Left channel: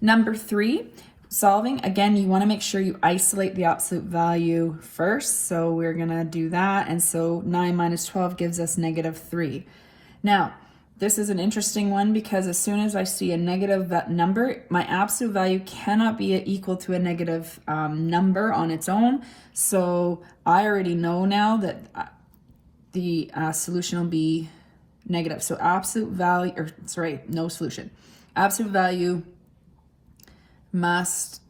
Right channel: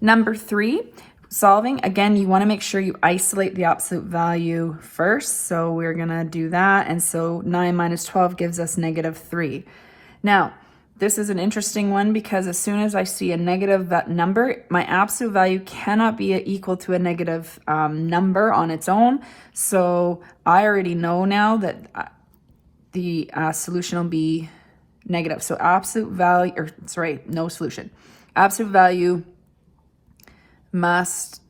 Number 3, solving. Again, you want to make sure you isolate the absolute value first. So we're going to do that. And so 9 minus 12 gives us -3. Now, this is an interesting one because as soon as I see a negative number, my absolute value cannot be equal to a negative number on its own. So I already know now that the solution will be negative. So absolute value, or sorry, no solution. Absolute value must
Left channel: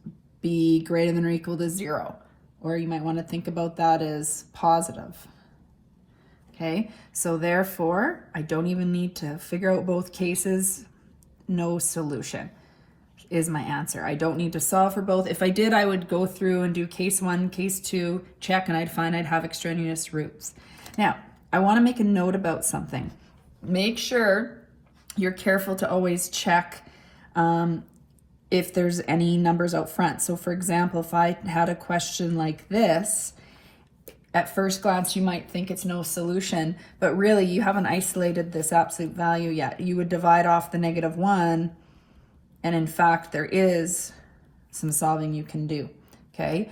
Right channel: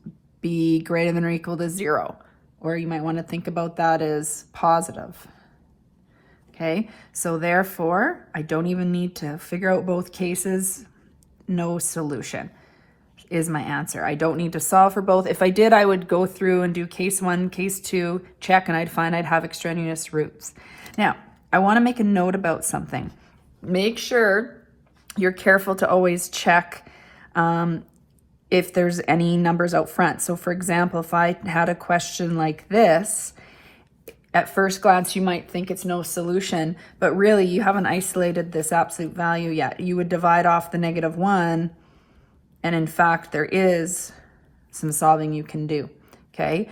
be greater than or equal to 0. Or you might want to think about that as positive. Okay, so therefore, I don't even need to figure out both cases. No solution is my answer. I don't need to solve for both. If I did, I would go through and do case 1, case 2, check, and I'd find I'd have extraneous roots. Now, I want to make a note about something. Make sure you're careful to always check if there's any numbers out front. So for example, if I had a question like this, at first glance, you might think it's no solution, but really you haven't isolated this absolute value yet. You would divide off the -1, and in fact, there is some solving you can do, okay?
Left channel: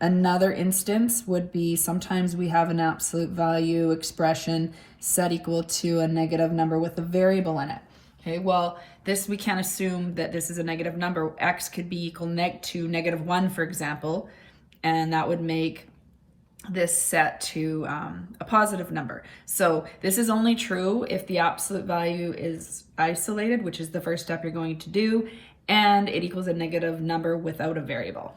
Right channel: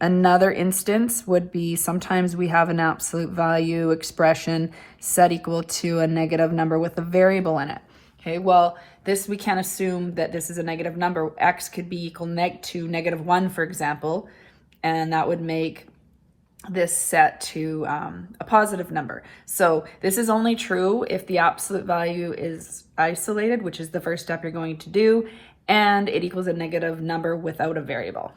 Another instance would be sometimes we have an absolute value expression set equal to a negative number with a variable in it, okay? Well, we can't assume that this is a negative number. X could be equal to -1, for example, and that would make this set to a positive number. So this is only true if the absolute value is isolated, which is the first step you're going to do, and it equals a negative number without a variable.